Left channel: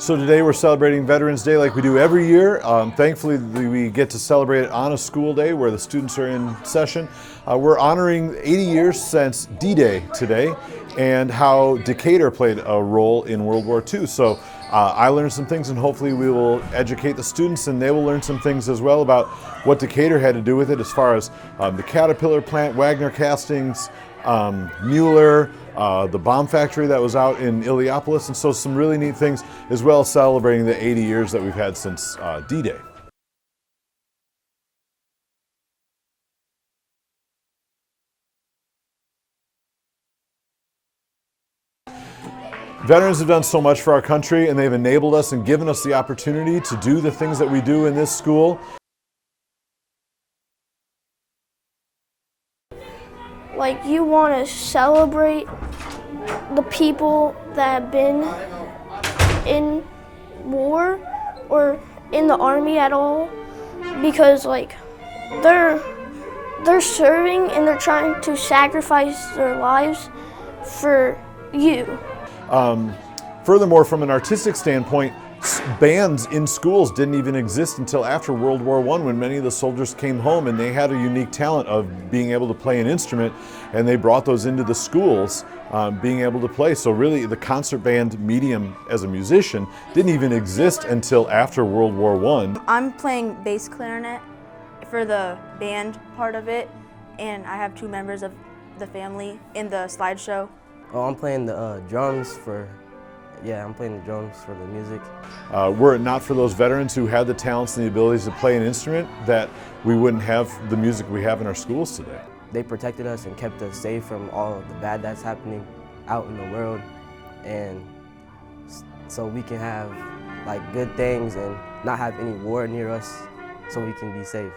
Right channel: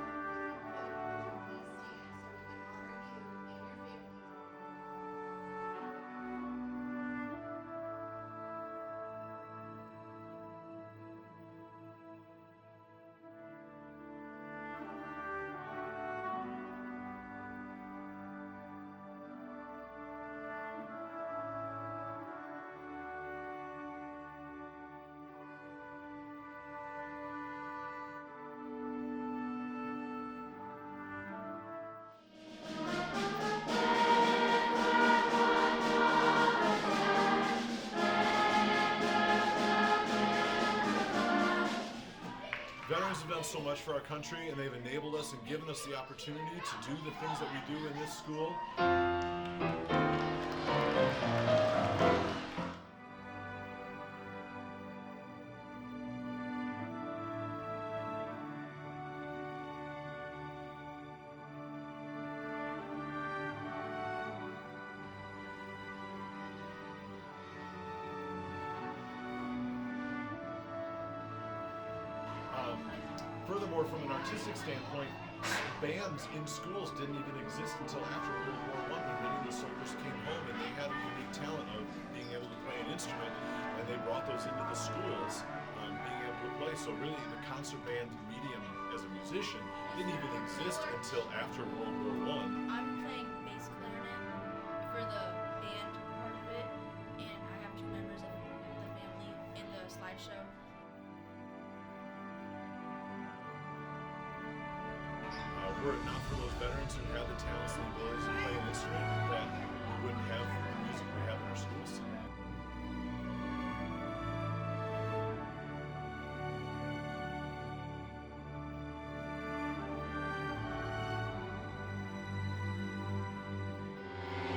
So today we're celebrating Veterans Day like we do every year. Thankfully we get to celebrate it on a school day where the students are in session. We're honoring 80 years since D-Day today and how Decatur played a role in World War II. So I learned some things and hopefully we will educate the students and they will learn some things as well about what Decatur had to do with it as far as the Caterpillar plant, Wagner Castings, Mueller, the bomb factory that was out in Illiopolis, and so some really neat things, as well as celebrating the 80 years that we've had since D-Day. Veterans have done so much for our country, and they've enabled us and given us the opportunity to do the things that we do in this school. Like, you want to celebrate the people that have been in war or in the army at all, because like they're serving and they're trying to sacrifice their lives for you. Furthermore, from an artistic standpoint, bands in schools didn't even exist until after World War I, when many of the soldiers came home and they had a unique talent of being able to play an instrument, and they brought those into the schools, being able to play. So really the concert band medium as a musician didn't even exist until after World War I. I'm playing bass clarinet for the band part of it, and I have two members of the family in the slideshow. Oh, I'm playing the drums for I'm playing the drums for the music. Were it not for those veterans who had the talents and the abilities to play an instrument, that we wouldn't have the music we have in our schools today. They protected us and kept us safe from all the bad that's happening out in the world, and so we can have like good things and not have any war near us, so we can be safe.